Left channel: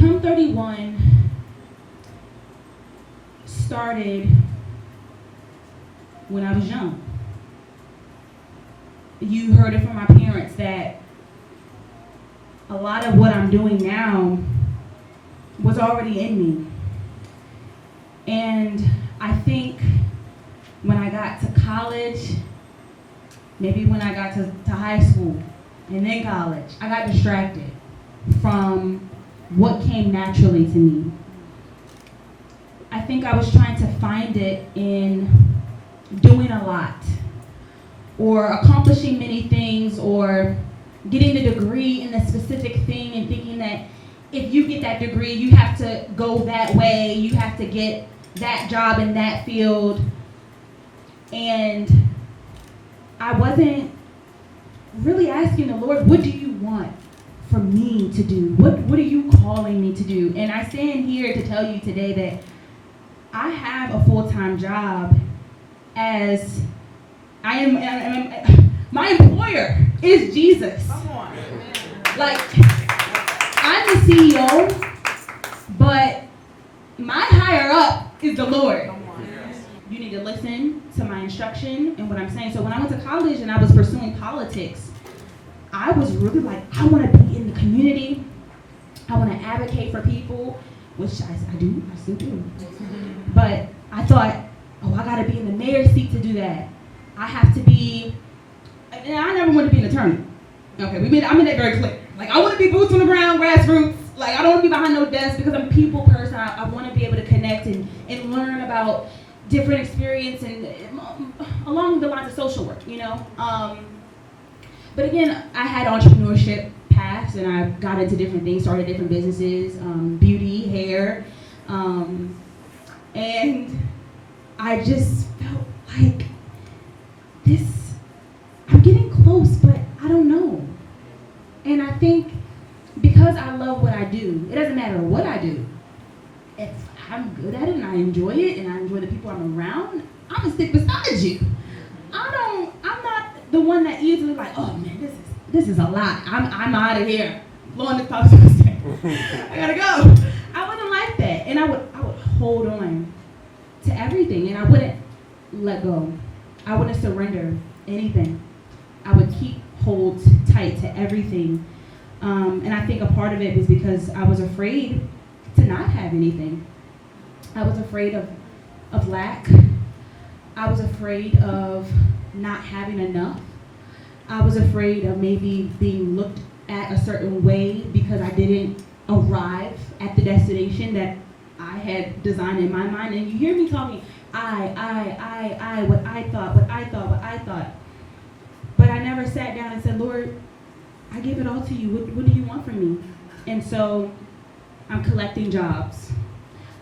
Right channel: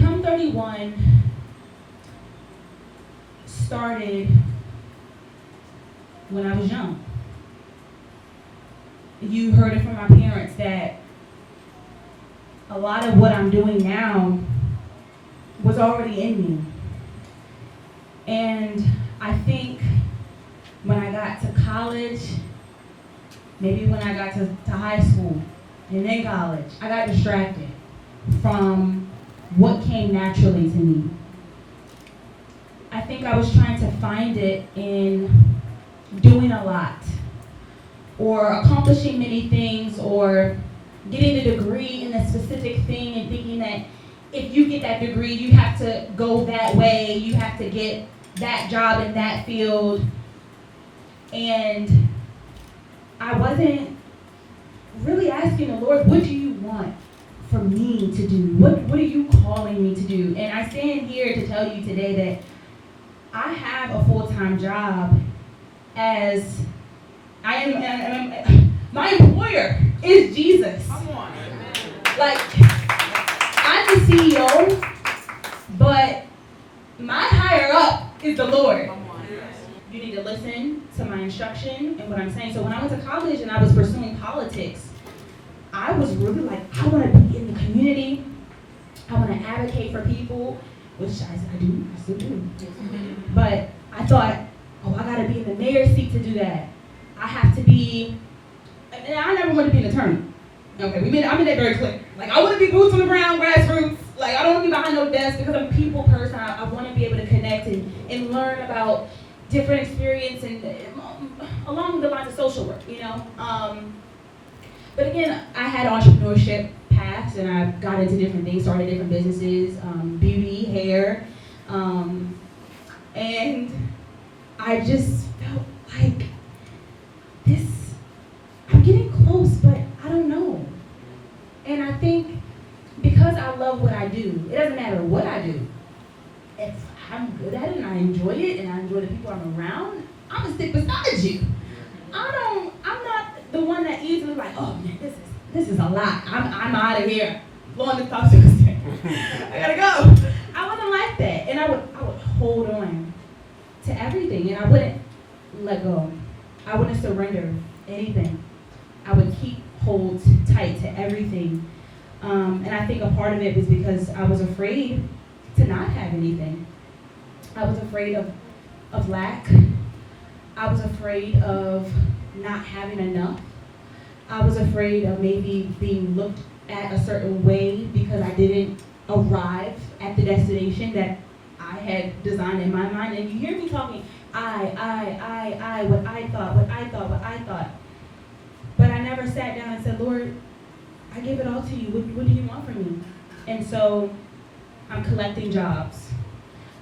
Become 31 started when I was young. You heard it from my parents that a lot of what I'm doing now was already in me. And I think when I got to college, maybe when I got to high school and then college, I got distracted from what came naturally to me. I think I was trying to find it in doing a lot or accomplishing many things or getting a degree in a specific thing and thinking that if you get that degree, you have to go that way, you have to get that job in that field. And I wasn't really asking the Lord, what do you want for me to do? What are you calling me to do? And I stand here to tell you today that I have a full-time job as I am my employer is Jesus. Come on. Like, I'm the CEO, but my higher up is the Lord. You need to listen to my instruction and what I'm saying. So when I went to college and I was pursuing politics, I was really like, I want to be in the community. I want to advocate for people, which I do, I still do. But I thought, oh, I got to be in the mayor's seat to do that. I have to be, and I never wanted to be an attorney. Okay, I made that very clear. Like, I want to be boots on the ground, grassroots. Like, I don't want to be behind no desk because I'm a people person. I want to be able to connect and learn about different experience and along the lines of social work, you know. But again, I had entrepreneurship paths and I got into different things, started different businesses, beauty, hair, and I just felt like I'm getting close, but I don't know. And I think because I love what I do, it doesn't matter what I do. If I'm good at it and I enjoy it and I enjoy the people I'm around, I'm gonna stick beside you. I'm not the one that easily like, oh man, this is a lot. I'm out of here. Blowing this top I gotta go. I wasn't like that. And I would hold on to everything and I wouldn't let go. I wouldn't surrender anything. I would keep hold tight to everything. And I think a part of it was because I was afraid to not have anything. I was afraid of lack. I was afraid of not having enough. I was afraid of maybe being looked at a certain way because I didn't arrive at the destination that I had designed in my mind. And you hear me talking, I, what I thought. But I never sat down and said, Lord, I give it all to you. What do you want from me? And so I'm collecting jobs.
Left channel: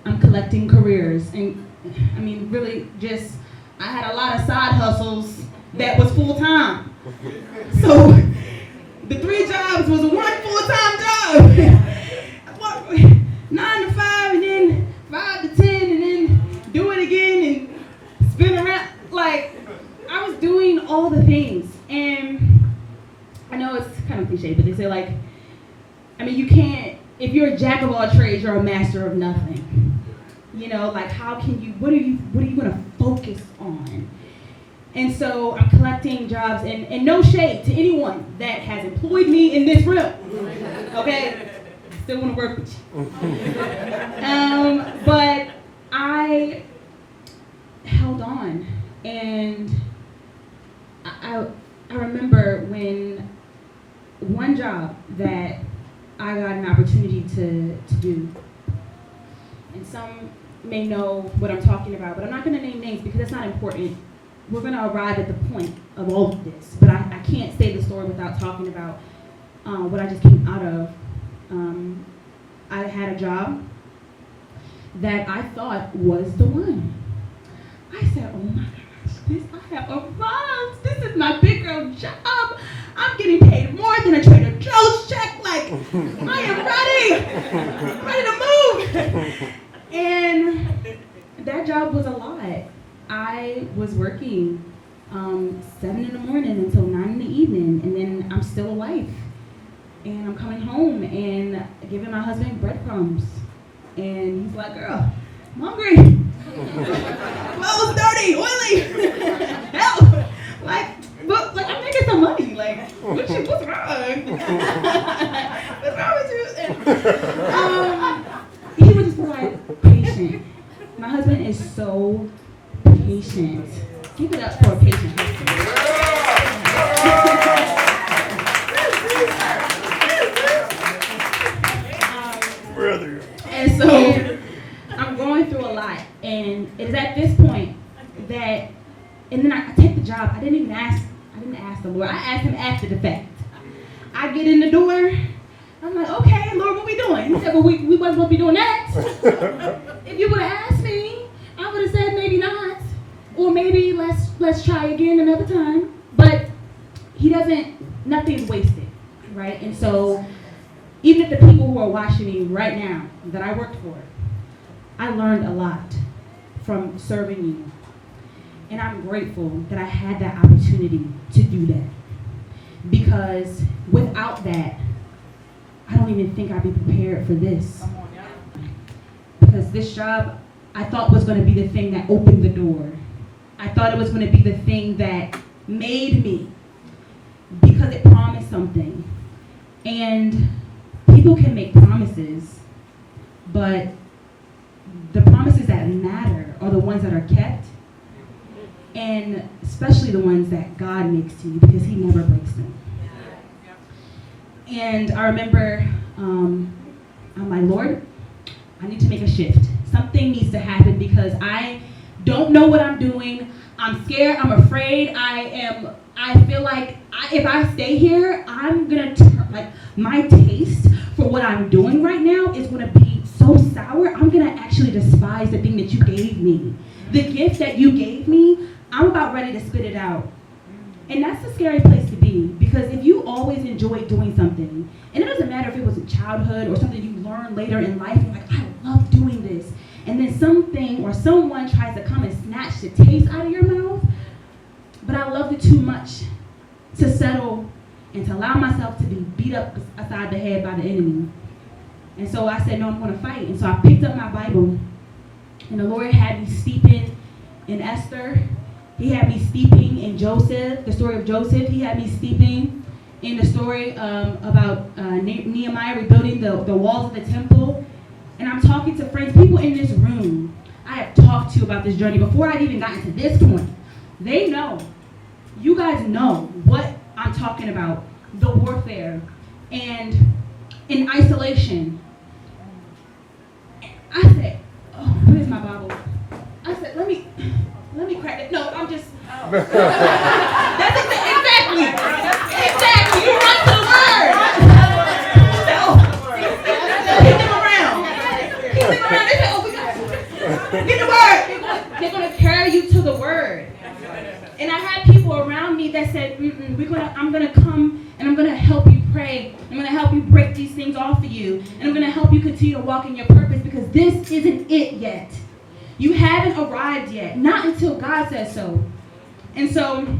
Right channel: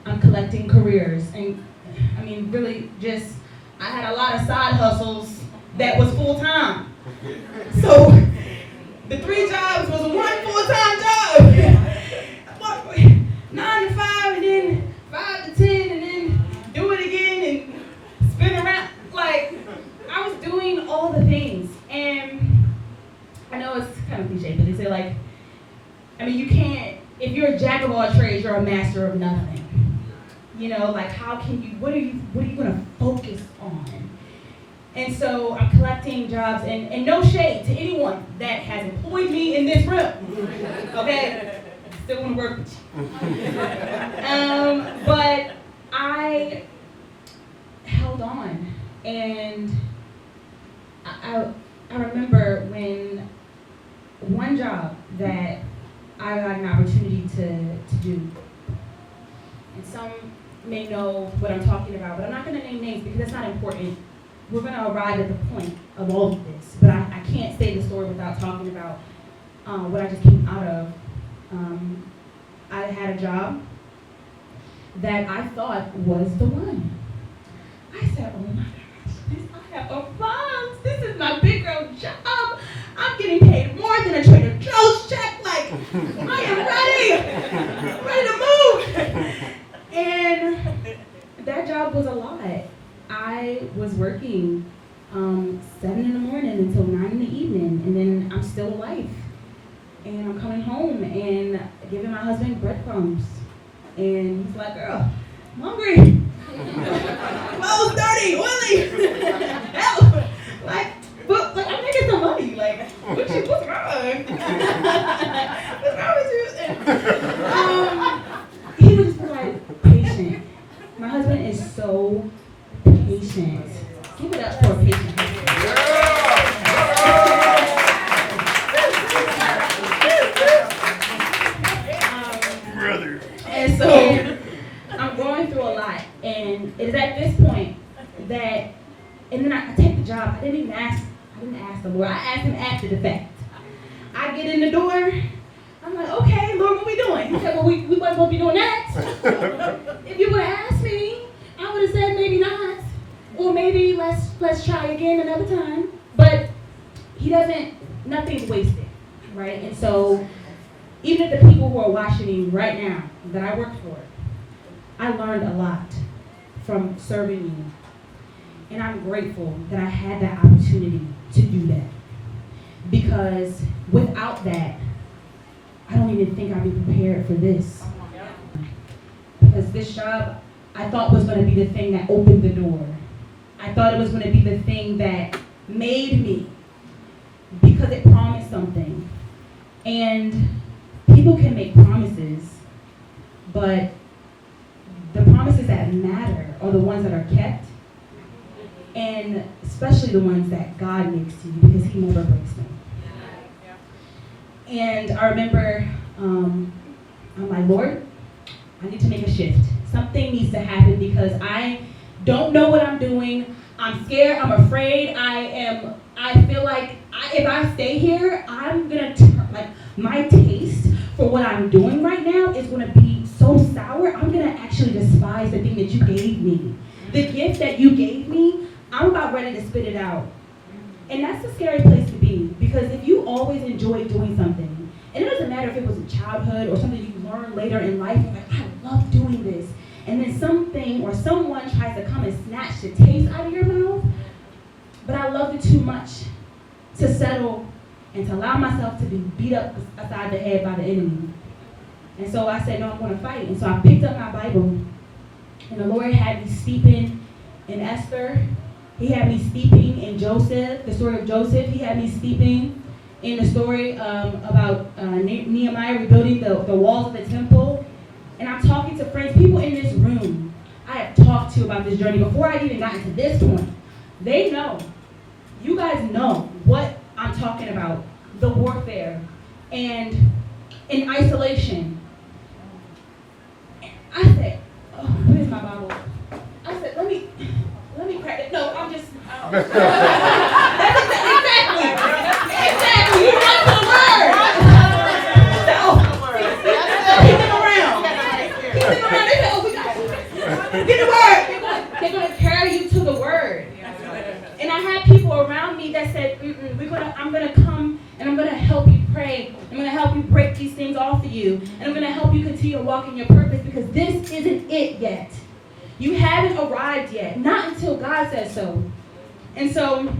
I'm collecting careers. And I mean, really just, I had a lot of side hustles that was full time. So the 3 jobs was 1 full-time job. 9 to 5 and then 5 to 10 and then do it again and spin around. Like, I was doing all the things. And I know it's kind of cliche, but they say like, I mean, you can't, if you're a jack of all trades, you're a master of nothing. You know, like how can you, what are you gonna focus on? And so I'm collecting jobs and no shade to anyone that has employed me in this room. Okay? I still wanna work with you. But I held on and I remember when one job that I got an opportunity to do, and some may know what I'm talking about, but I'm not going to name names because that's not important. We're going to arrive at the point of all of this, but I can't say the story without talking about what I just came out of. I had a job that I thought was the one. I said, oh my gosh, I have arrived. This is my big girl job. I'm getting paid more than a Trader Joe's check. Like, I am ready to move. And that job was a lot. I was working 7 in the morning until 9 in the evening, and then I'm still a wife. And I'm coming home and giving my husband breadcrumbs. And he's like, girl, I'm hungry. I was dirty, oily. Help. But I'm making some money. Like, what's wrong? What's wrong with you? And, he was just like patient. My husband is so patient. Give it up for a patient husband. Brother. And so I'm going through a lot, and it is at this point that, and then I take the job. I didn't ask the Lord. I asked him after the fact. I get in the door. I'm like, okay, Lord, what we doing? He said, well, we wasn't going to be doing that. If you would have asked me, I would have said maybe not, or maybe let's try again another time. But he doesn't. Nothing's wasted, right? And so even if the people who are watching me right now that I worked for, I learned a lot from serving you. And I'm grateful that I had that opportunity to do that. Because without that, I don't even think I'd be prepared for this. Because this job, I thought was going to be the thing that opened the door. I thought it was going to be the thing that made me, because it promised something. And people can make promises, but the promises that matter are the ones that are kept, and especially the ones that God makes to you, because he never breaks them. And I remember, I'm like, Lord, I need to make a shift. Something needs to happen because I don't know what I'm doing. I'm scared, I'm afraid, I feel like if I stay here, I'm gonna my taste for what I'm doing right now is gonna be so sour, I'm gonna actually despise the thing that you gave me. The gift that you gave me, I'm about ready to spit it out. And that's a scary place to be, because if you always enjoy doing something, and it doesn't matter if it was in childhood or something you learned later in life, you're like, I love doing this. And then something or someone tries to come and snatch the taste out of your mouth, but I loved it too much to settle and to allow myself to be beat up aside the head by the enemy. And so I said, no, I'm going to fight. And so I picked up my Bible, and the Lord had me steeping in Esther. He had me steeping in Joseph, the story of Joseph. He had me steeping in the story about Nehemiah rebuilding the walls of the temple. And I'm talking to friends, people in this room I have talked to about this journey before I'd even gotten to this point. They know. You guys know what I'm talking about. The warfare and in isolation. I said, oh, where's my Bible? I said, let me crack it. No, I'm just. Oh. That's exactly. You run to the word. Keep them around. They say, oh, we got you. Get the word. They're going to carry you to the word. And I had people around me that said, I'm going to come and I'm going to help you pray. I'm going to help you break these things off of you. And I'm going to help you continue to walk in your purpose, because this isn't it yet. You haven't arrived yet. Not until God says so. And so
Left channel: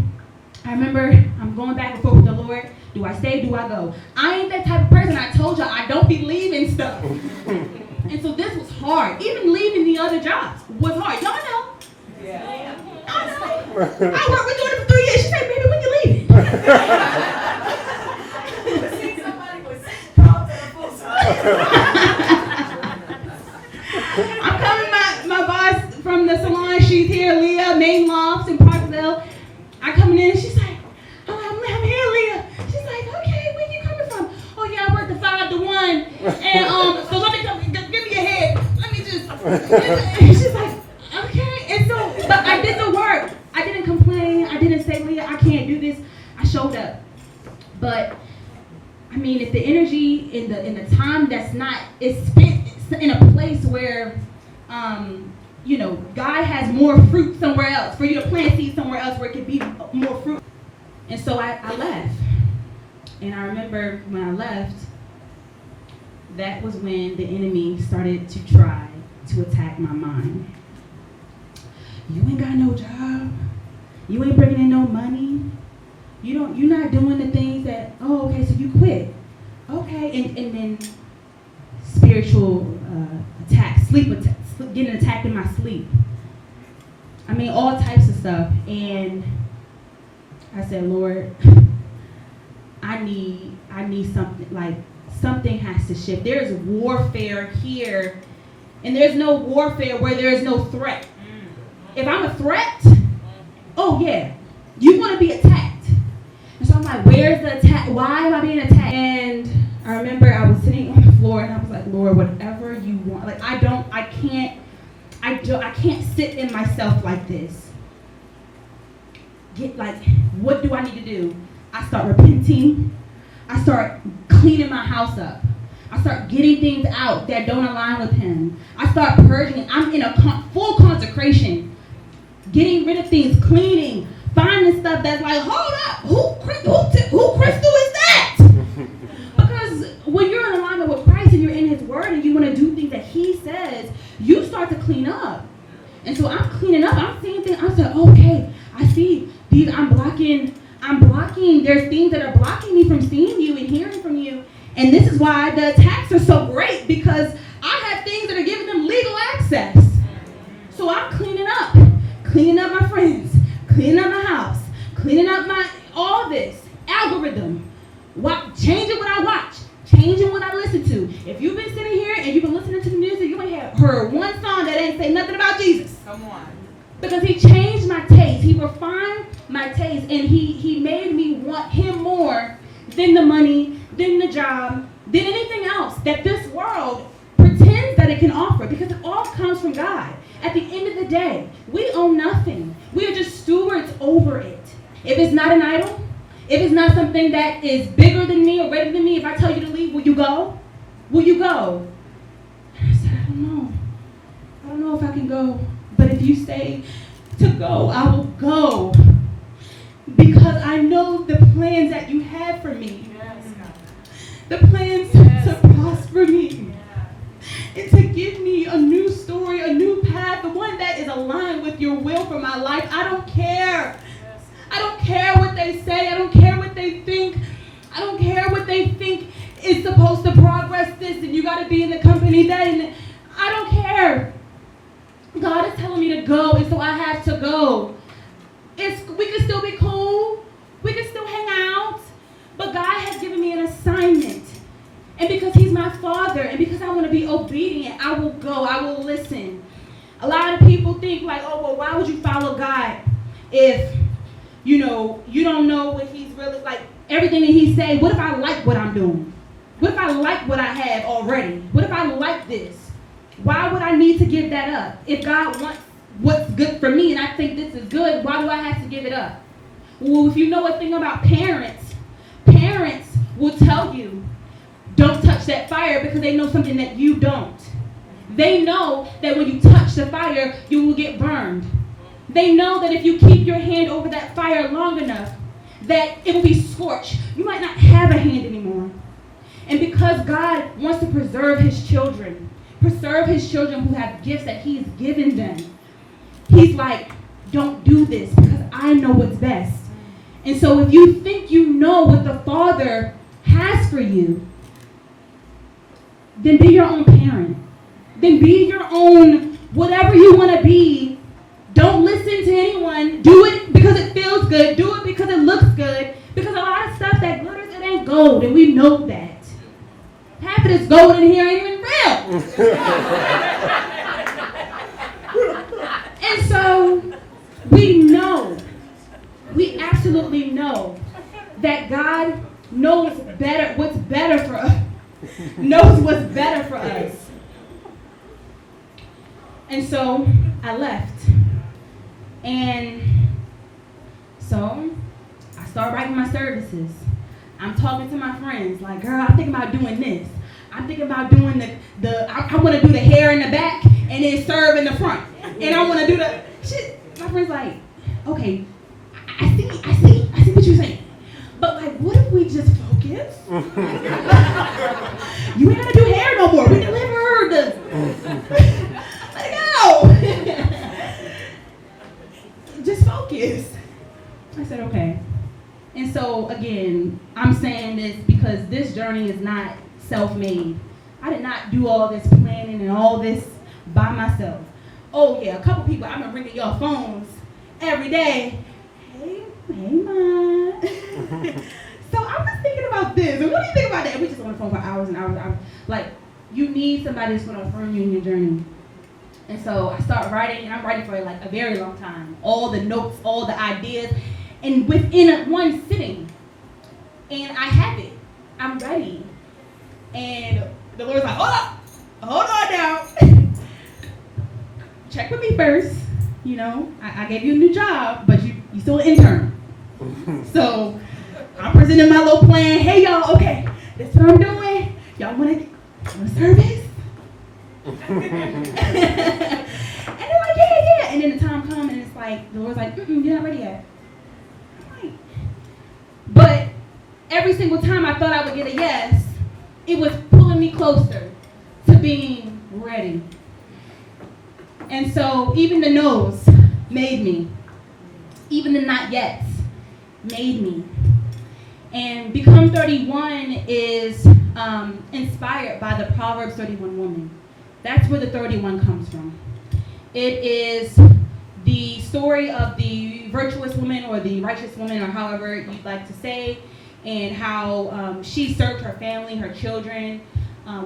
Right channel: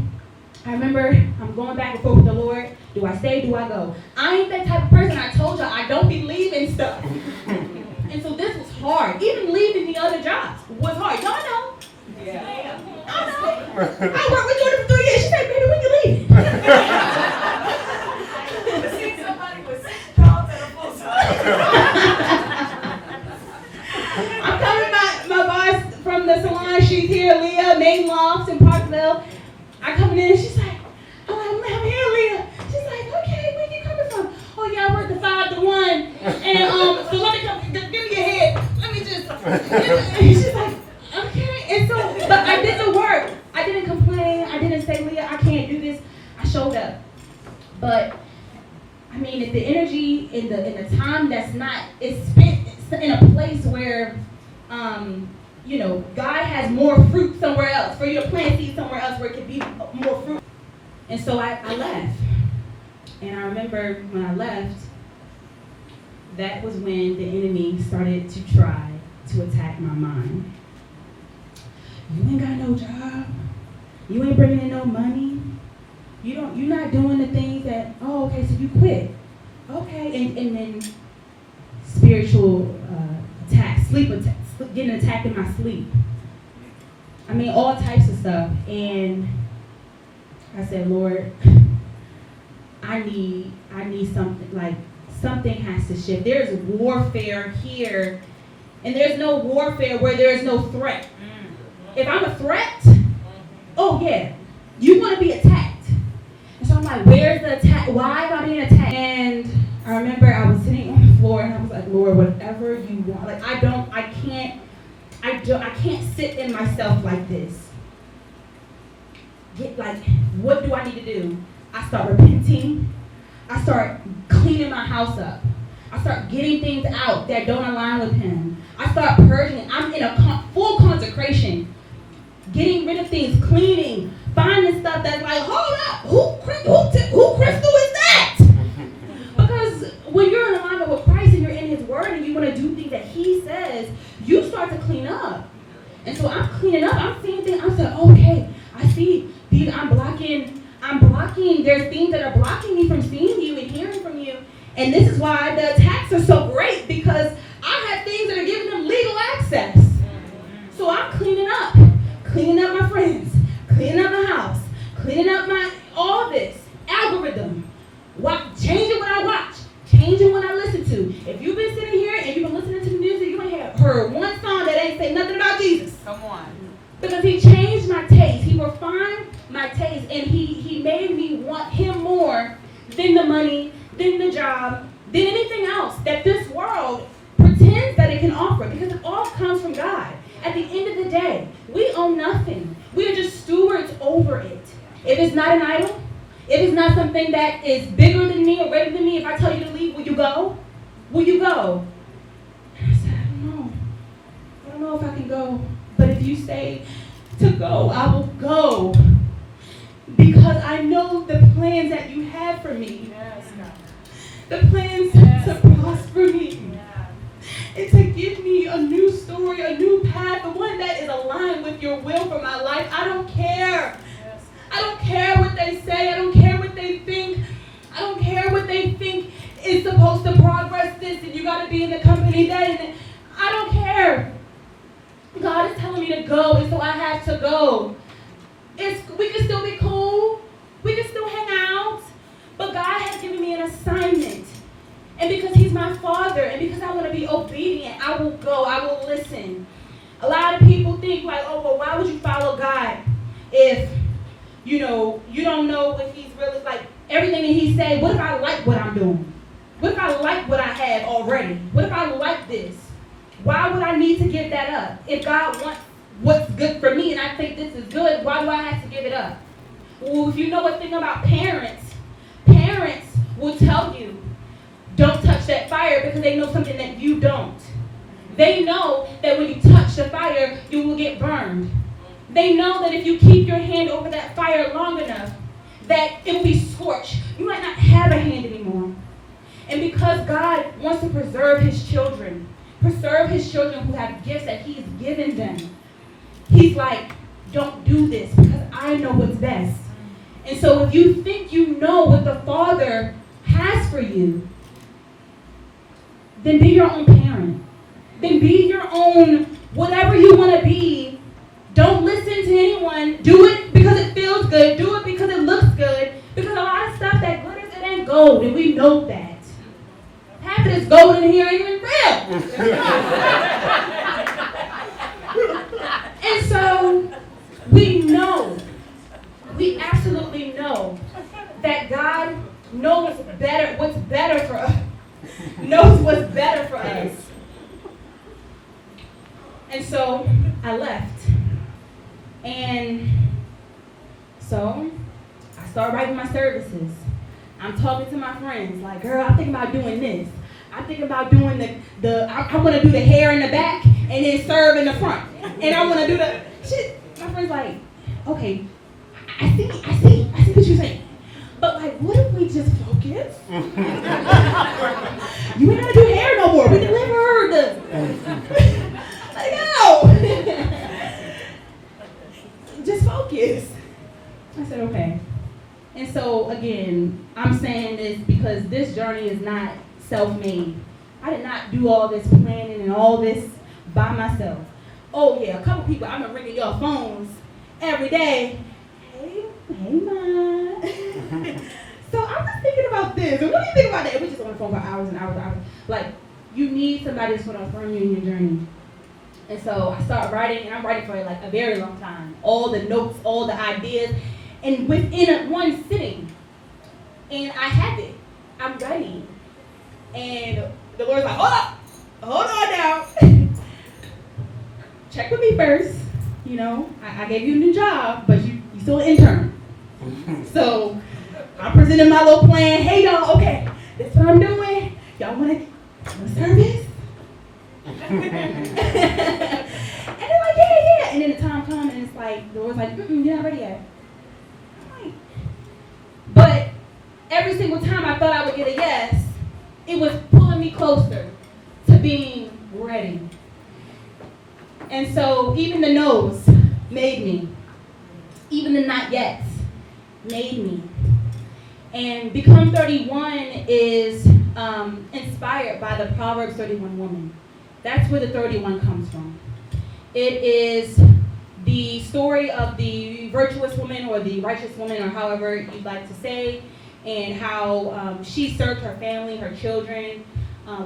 I remember I'm going back and forth with the Lord. Do I stay? Do I go? I ain't that type of person. I told y'all I don't believe in stuff. And so this was hard. Even leaving the other jobs was hard. Y'all know. Yeah. I know. I worked with Jordan for 3 years. She said, baby, when you leaving? Somebody with 6 jobs and a full time. I'm coming, my boss from the salon. She's here, Leah, Main Lofts in Parkville. I coming in and she's like, I'm here, Leah. She's like, okay, where you coming from? Oh yeah, I work the 5 to 1. And so let me come, give me your head. Let me just, she's like, okay. And so, but I did the work. I didn't complain. I didn't say, Leah, I can't do this. I showed up. But I mean, if the energy in the time that's not, it's spent in a place where, God has more fruit somewhere else, for you to plant seeds somewhere else where it could be more fruit. And so I left. And I remember when I left, that was when the enemy started to try to attack my mind. You ain't got no job. You ain't bringing in no money. You're not doing the things that, oh, okay, so you quit. Okay, and then spiritual attack, sleep attack, getting attacked in my sleep. I mean, all types of stuff. And I said, Lord, I need something, like something has to shift. There's warfare here, and there's no warfare where there's no threat. If I'm a threat, oh yeah, you want to be attacked. And so I'm like, where's the attack? Why am I being attacked? And I remember I was sitting on the floor and I was like, Lord, whatever you want. Like I can't sit in myself like this. What do I need to do? I start repenting. I start cleaning my house up. I start getting things out that don't align with Him. I start purging. I'm in a full consecration. Getting rid of things, cleaning, finding stuff that's like, hold up, who crystal is that? Because when you're in alignment with Christ and you're in His Word and you want to do things that He says, you start to clean up. And so I'm cleaning up. I'm seeing things. I said, okay, I see these. I'm blocking. There's things that are blocking me from seeing you and hearing from you. And this is why the attacks are so great, because I have things that are giving them legal access. So I'm cleaning up my friends, cleaning up my house, cleaning up all this algorithm, changing what I watch, changing what I listen to. If you've been sitting here and you've been listening to the music, you might have heard one song that ain't say nothing about Jesus. Come on. Because He changed my taste. He refined my taste, and he made me want Him more than the money, than the job, than anything else that this world pretends that it can offer, because it all comes from God. At the end of the day, we own nothing. We are just stewards over it. If it's not an idol, if it's not something that is bigger than me or greater than me, if I tell you to leave, will you go? Will you go? And I said, I don't know. I don't know if I can go. But if you say to go, I will go. Because I know the plans that you have for me. Yes, God. The plans to prosper me. And to give me a new story, a new path, the one that is aligned with your will for my life. I don't care. Yes. I don't care what they say. I don't care what they think. I don't care what they think is supposed to progress this, and you got to be in the company that. And I don't care. God is telling me to go, and so I have to go. We can still be cool. We can still hang out. But God has given me an assignment. And because He's my Father, and because I want to be obedient, I will go. I will listen. A lot of people think like, oh, well, why would you follow God if, you don't know what He's really like, everything that He say. What if I like what I'm doing? What if I like what I have already? What if I like this? Why would I need to give that up? If God wants what's good for me and I think this is good, why do I have to give it up? Well, if you know a thing about parents will tell you, don't touch that fire, because they know something that you don't. They know that when you touch the fire, you will get burned. They know that if you keep your hand over that fire long enough, that it will be scorched. You might not have a hand anymore. And because God wants to preserve His children who have gifts that He's given them, He's like, don't do this, because I know what's best. And so if you think you know what the Father has for you, then be your own parent. Then be your own, whatever you want to be. Don't listen to anyone. Do it because it feels good. Do it because it looks good. Because a lot of stuff that glitters, it ain't gold, and we know that. Half of this gold in here ain't even real. And so we absolutely know that God knows what's better for us. Knows what's better for us. And so I left. And so I started writing my services. I'm talking to my friends, like, girl, I'm thinking about doing this. I'm thinking about doing I want to do the hair in the back and then serve in the front. And I want to do the shit. My friend's like, okay, I see what you're saying. But like, what if we just focus? You ain't gotta do hair no more. We delivered. Let it go. Just focus. I said, okay. And so again, I'm saying this because this journey family is not self-made. I did not do all this planning and all this by myself. Oh yeah, a couple people, I've been ringing your phones every day. Hey, Ma. So I'm just thinking about this. And what do you think about that? We just on the phone for hours and hours and hours. Like, you need somebody that's going to affirm you in your journey. And so I start writing, and I'm writing for like a very long time. All the notes, all the ideas, and within one sitting. And I have it. I'm ready. And the Lord's like, hold on now. Check with me first. You know, I gave you a new job, but you still an intern. So I'm presenting my little plan. Hey y'all, okay, that's what I'm doing. Y'all want service? And they're like, yeah. And then the time comes and it's like, the Lord's like, you're not ready yet. I'm like, but every single time I thought I would get a yes, it was pulling me closer to being ready. And so even the no's made me. Even the not yet's made me. And Become 31 is inspired by the Proverbs 31 woman. That's where the 31 comes from. It is the story of the virtuous woman or the righteous woman, or however you'd like to say, and how she served her family, her children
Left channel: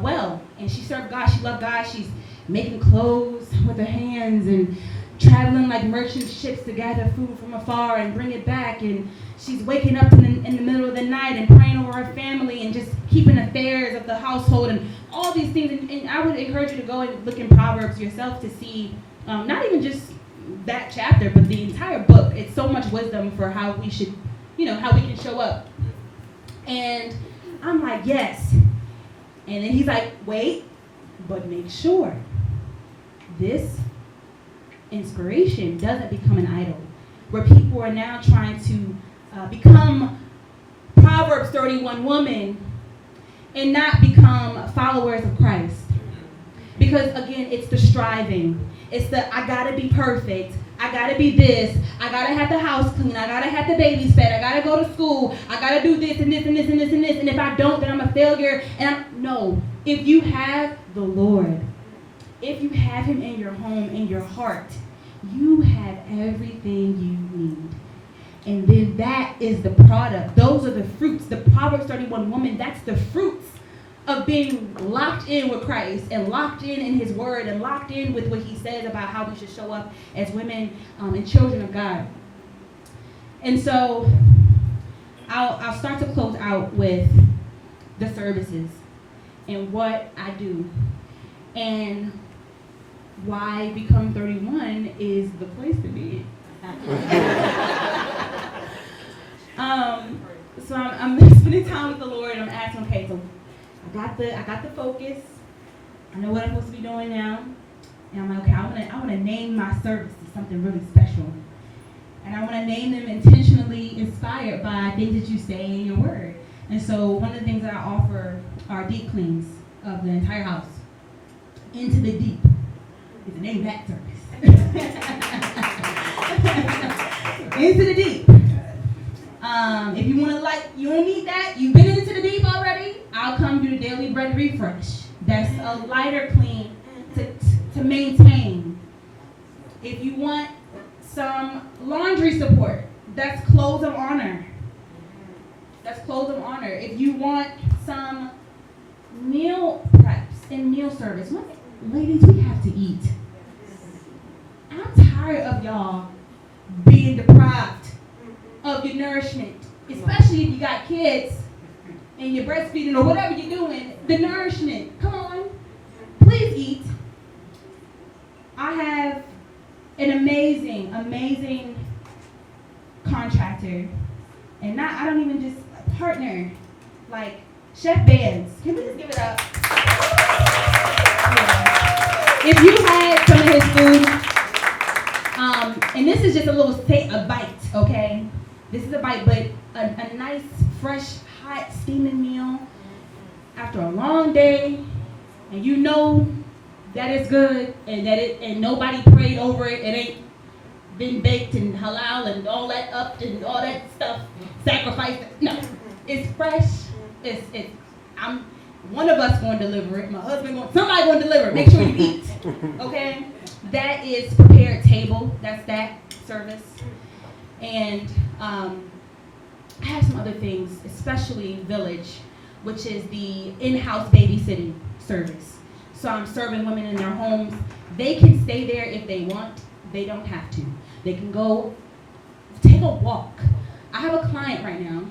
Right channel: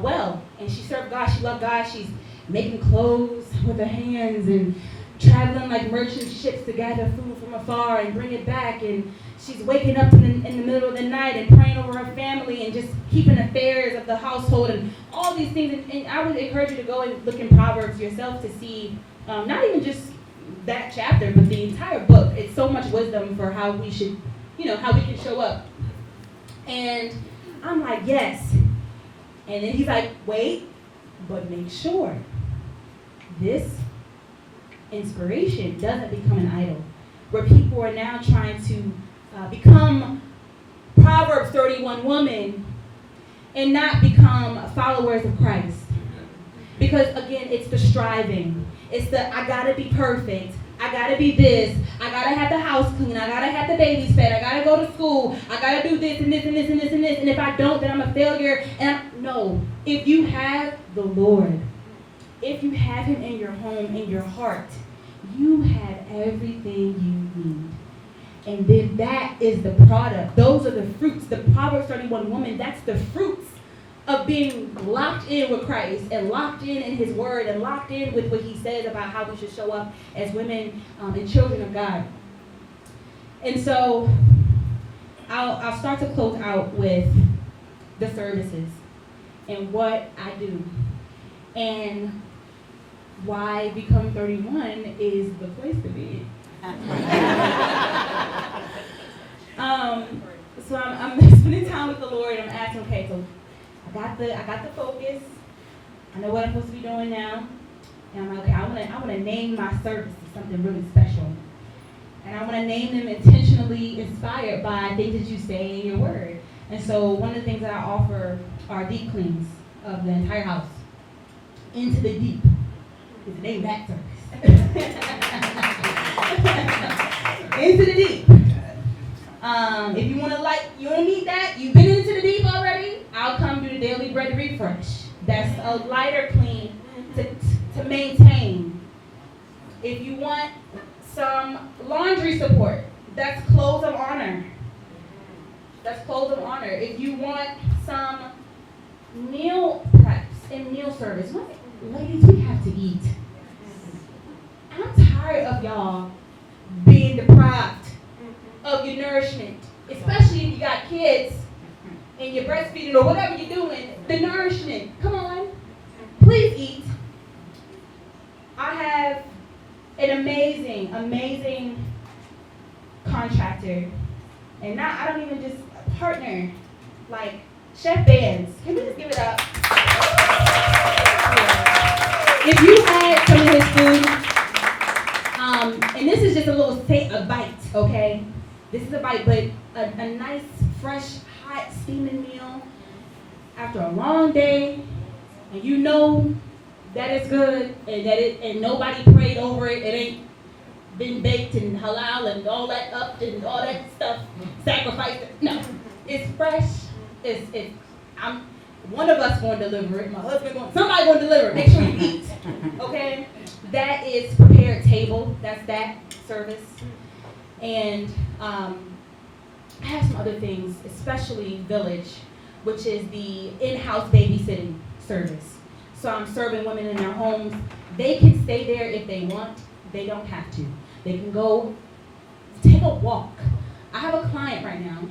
well. And she served God, she loved God, she's making clothes with her hands and traveling like merchant ships to gather food from afar and bring it back. And she's waking up in the middle of the night and praying over her family and just keeping affairs of the household and all these things. And I would encourage you to go and look in Proverbs yourself to see, not even just that chapter, but the entire book. It's so much wisdom for how we should, how we can show up. And I'm like, yes. And then he's like, wait, but make sure this inspiration doesn't become an idol, where people are now trying to become Proverbs 31 woman and not become followers of Christ. Because again, it's the striving. It's the, I gotta be perfect. I gotta be this. I gotta have the house clean. I gotta have the babies fed. I gotta go to school. I gotta do this and this and this and this and this. And if I don't, then I'm a failure. No. If you have the Lord, if you have him in your home, in your heart, you have everything you need. And then that is the product. Those are the fruits. The Proverbs 31 woman, that's the fruits of being locked in with Christ and locked in his word and locked in with what he says about how we should show up as women and children of God. And so I'll start to close out with the services and what I do and why Become 31 is the place to be. So I'm spending time with the Lord and I'm asking, okay, so I got the focus. I know what I'm supposed to be doing now. And I'm like, okay, I want to name my services something really special. And I want to name them intentionally inspired by things that you say in your word. And so one of the things that I offer are deep cleans of the entire house. Into the deep is the name of that service. Into the deep. If you want to need that, you've been into the deep already, I'll come do the daily bread refresh. That's a lighter clean to maintain. If you want some laundry support, that's clothes of honor. That's clothes of honor. If you want some meal preps and meal service, ladies, we have to eat. I'm tired of y'all being deprived of your nourishment, especially if you got kids and you're breastfeeding or whatever you're doing. The nourishment, come on, please eat. I have an amazing contractor, and I don't even just partner, like Chef Bands. Can we just give it up? Yeah. If you had some of his food, and this is just a bite, okay? This is a bite, but a nice, fresh, hot, steaming meal after a long day, and you know that it's good, and nobody prayed over it. It ain't been baked and halal and all that up and all that stuff, sacrificed. No, it's fresh. one of us going to deliver it. My husband somebody going to deliver it. Make sure you eat. Okay? That is prepared table. That's that service. And I have some other things, especially Village, which is the in-house babysitting service. So I'm serving women in their homes. They can stay there if they want. They don't have to. They can go take a walk. I have a client right now,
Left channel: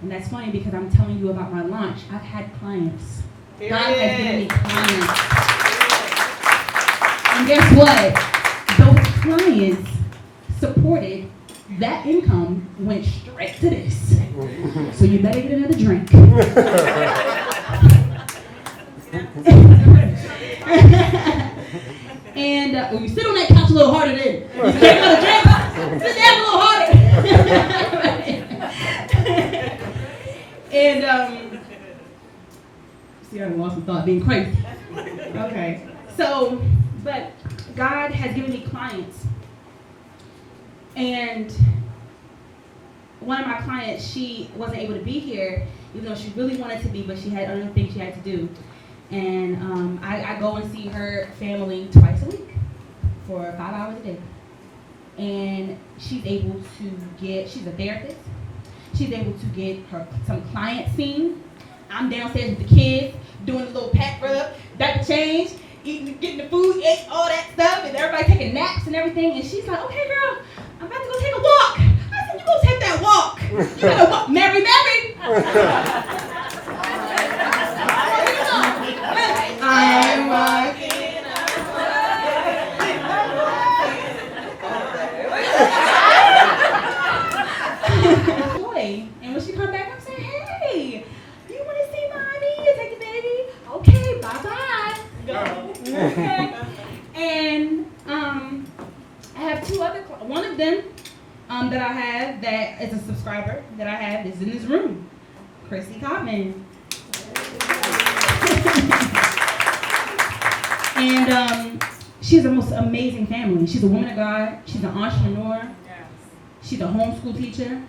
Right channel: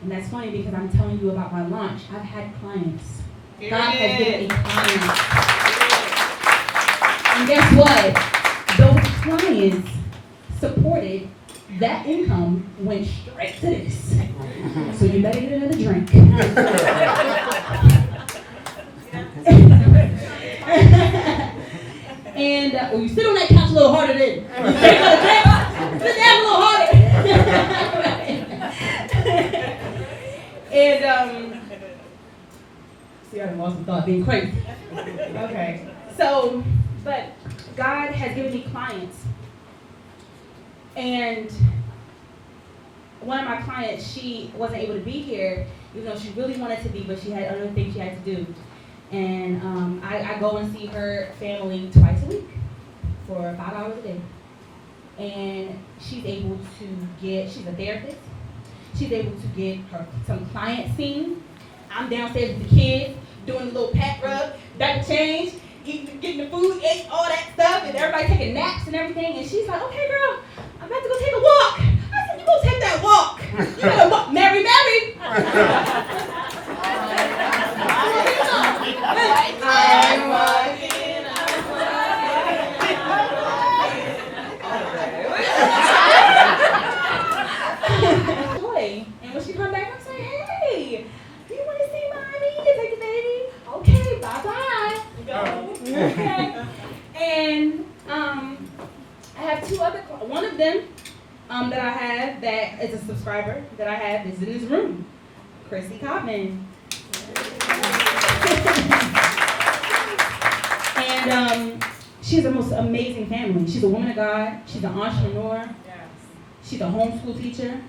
and that's funny because I'm telling you about my launch. I've had clients. God has given me clients. And guess what? Those clients supported that income went straight to this. So you better get another drink. And you sit on that couch a little harder then. You take another drink, sit down a little harder. And see, I lost my thought being crazy. Okay. So, but God has given me clients. And one of my clients, she wasn't able to be here, even though she really wanted to be, but she had other things she had to do. And I go and see her family twice a week for 5 hours a day. And she's able to she's a therapist. She's able to get her some clients seen. I'm downstairs with the kids, doing a little pat rub, diaper change, eating, getting the food, ate all that stuff, and everybody taking naps and everything. And she's like, okay, girl, I'm about to go take a walk. I said, you go take that walk. You gotta walk, Mary. I'm walking. And when she come back, I'm saying, hey, you want to see mommy? Take the baby. Okay, bye-bye. Go. Okay. And I have two other, one of them that I have that is a subscriber that I have is in this room, Chrissy Cotman. And she has the most amazing family. She's a woman of God. She's an entrepreneur. She's a homeschool teacher.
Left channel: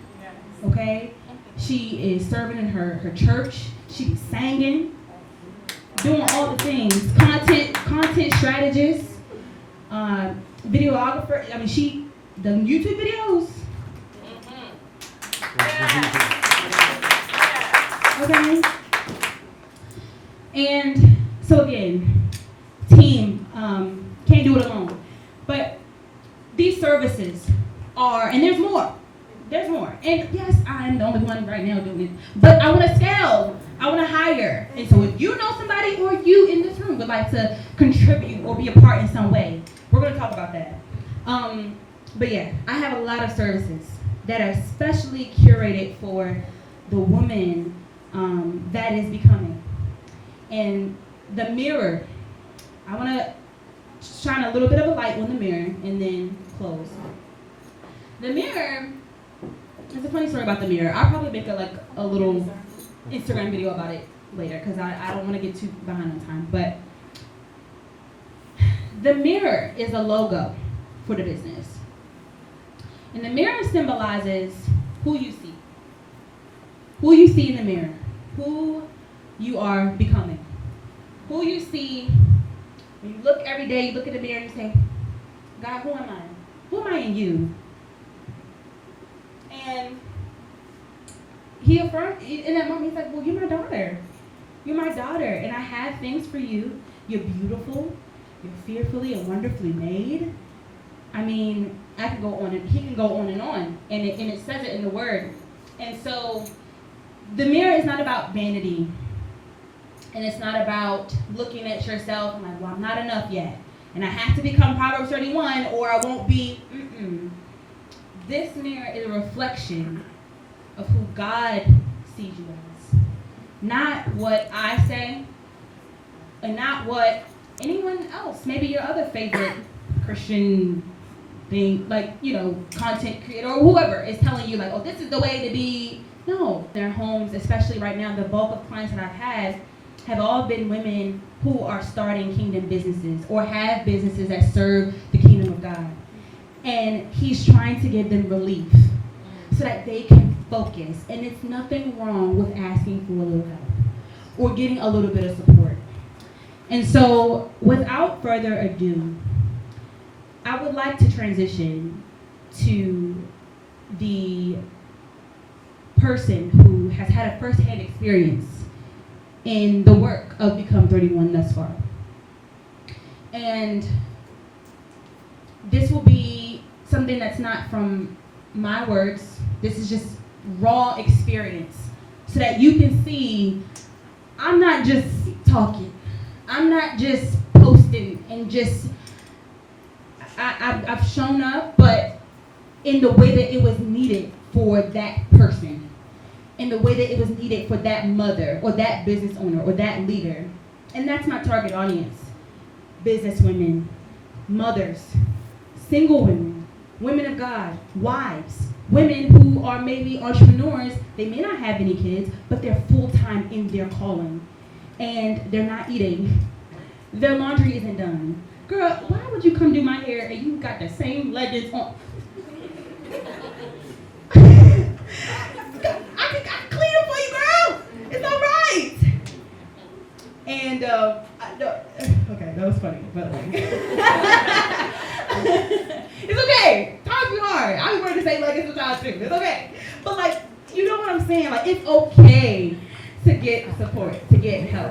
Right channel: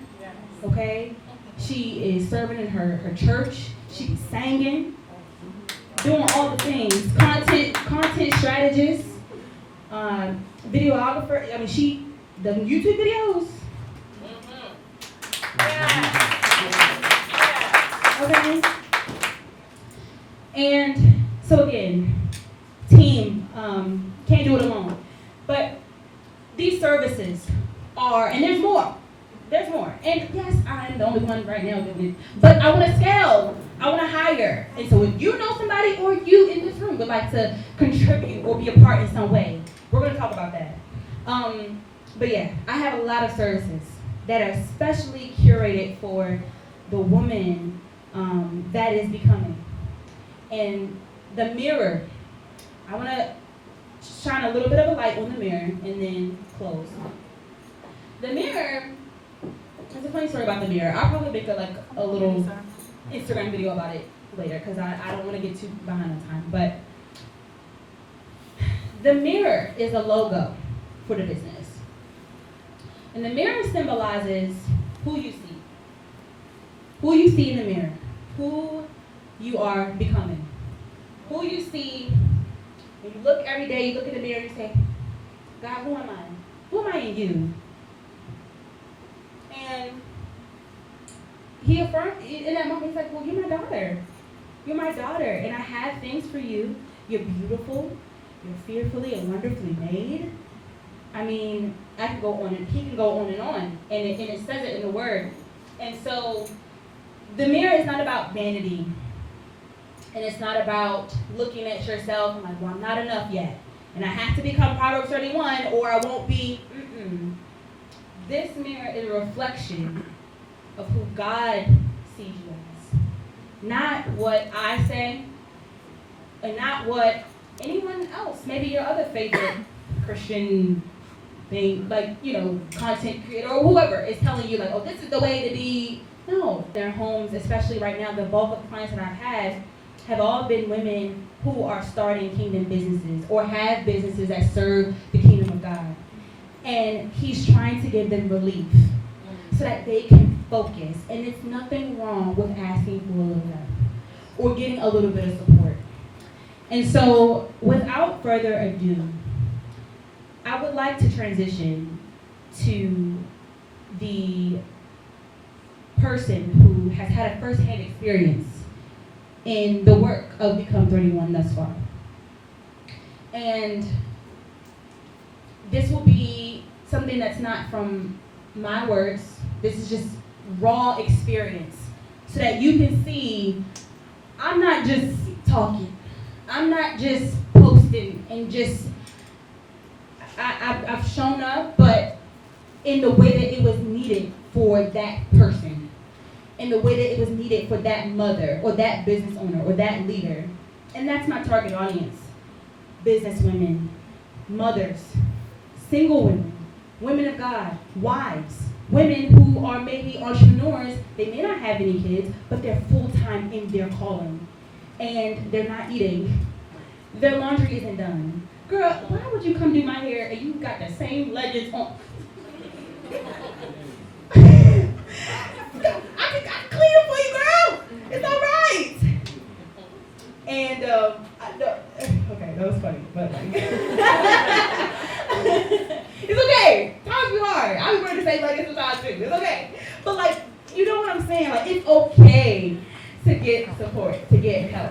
Okay? She is serving in her church. She's singing, doing all the things. Content strategist, videographer. I mean, the YouTube videos. Okay? And so again, team, can't do it alone. But these services are, and there's more. There's more. And yes, I'm the only one right now doing it. But I want to scale. I want to hire. And so if you know somebody or you in this room would like to contribute or be a part in some way, we're going to talk about that. But yeah, I have a lot of services that are specially curated for the woman that is becoming. And the mirror, I want to shine a little bit of a light on the mirror and then close. The mirror, there's a funny story about the mirror. I'll probably make a little Instagram video about it later because I don't want to get too behind on time. But the mirror is a logo for the business. And the mirror symbolizes who you see. Who you see in the mirror. Who you are becoming. Who you see when you look every day, you look in the mirror and you say, God, who am I? Who am I in you? And he affirmed, in that moment, he's like, well, you're my daughter. You're my daughter, and I have things for you. You're beautiful. You're fearfully and wonderfully made. I mean, I can go on, and he can go on, and it says it in the Word. And so the mirror is not about vanity, and it's not about looking at yourself and like, well, I'm not enough yet, and I have to become Proverbs 31, or I won't be. This mirror is a reflection of who God sees you as. Not what I say, and not what anyone else, maybe your other favorite Christian thing, like, content creator or whoever is telling you, like, oh, this is the way to be. No, their homes, especially right now, the bulk of clients that I've had have all been women who are starting kingdom businesses or have businesses that serve the kingdom of God. And he's trying to give them relief so that they can focus. And it's nothing wrong with asking for a little help. or getting a little bit of support. And so, without further ado, I would like to transition to the person who has had a first-hand experience in the work of Become 31 thus far. And this will be something that's not from my words. This is just raw experience so that you can see I'm not just talking. I'm not just posting and just, I've shown up, but in the way that it was needed for that person, in the way that it was needed for that mother or that business owner or that leader. And that's my target audience. Business women, mothers, single women, women of God, wives, women who are maybe entrepreneurs. They may not have any kids, but they're full-time in their calling. And they're not eating. Their laundry isn't done. Girl, why would you come do my hair and you got the same leggings on? I can clean it for you, girl. It's all right. And okay, that was funny, but like, it's okay. Times be hard. I was wearing the same leggings sometimes too. It's okay. But like, you know what I'm saying? Like, it's okay to get support, to get help.